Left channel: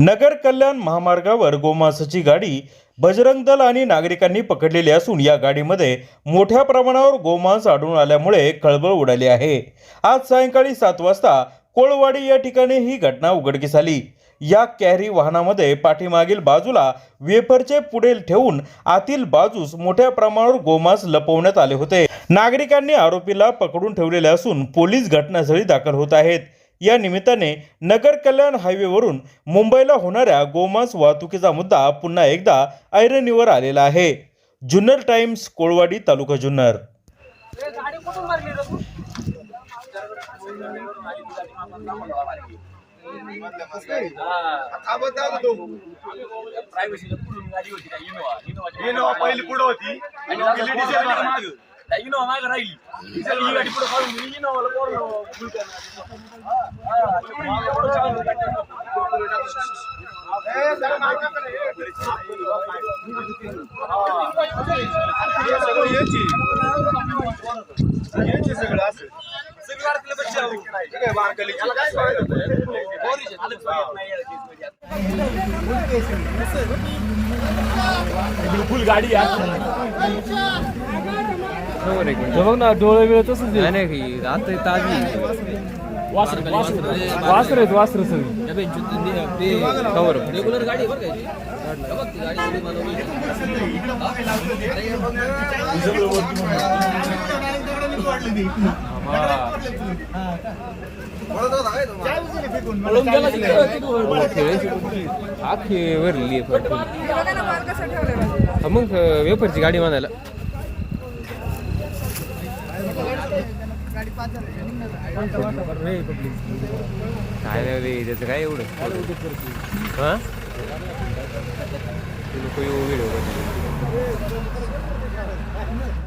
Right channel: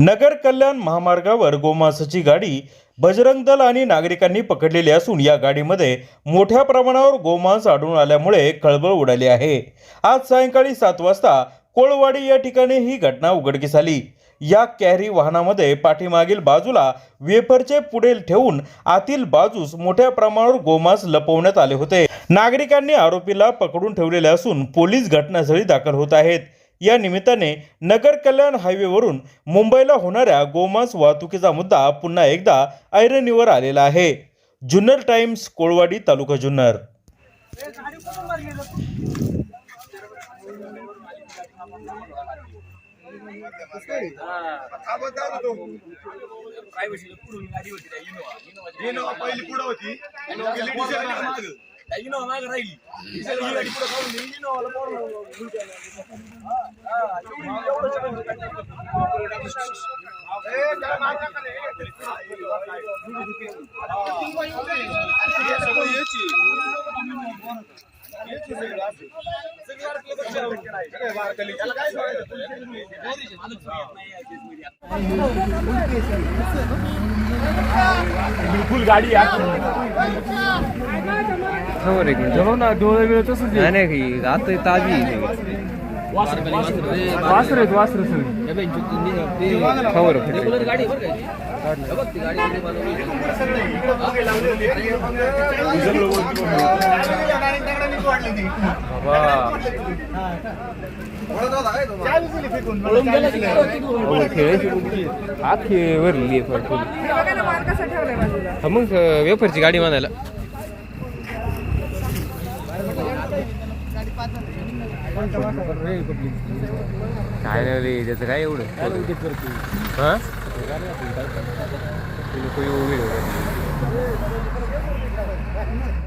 नगर कल्याण महामार्गावर गोमांसाची गाडी बजरंग दल आणि नागरिकांनी पकडलेली असून या गाडीमध्ये मोठ्या प्रमाणावर गोमांस आढळून आल्यामुळे खळबळ उडाली आहे। आज सायंकाळी 7 वाजता कोळवाडी या ठिकाणी ही घटना उघडकीस आली। या कॅरी वाहनामध्ये पाठीमागील बाजूला वेफरचे पुढे ठेवून आतील बाजूस मोठ्या प्रमाणावर गोमांस लपवण्यात आले होते। नागरिकांनी आरोपीला पकडून ठेवलेले असून पोलीस घटनास्थळी दाखल होत आहेत। या निमित्ताने नगर कल्याण हायवेवरून मुंबईला होणाऱ्या गोमांस वाहतुकीचा मुद्दा पुन्हा एकदा ऐरणीवर आलेला आहे। जुन्नर टाइम्स, कोळवाडी, तालुका जुन्नर। पहिली पुढे होती इनोवा मागे राहिली ही गाडी पुढे खाऊन इनोवाला बिलकुल गाडी बघ ना डोळे वेळ तसंच नाही आता ताजी वासर आहेत वासर सगळी खबर रेग्युलर गाडी बरं आखी भरली मग वेफरची गाडी बांधायला काय नाही रे त्याचं काय एवढं हा व्हिडिओ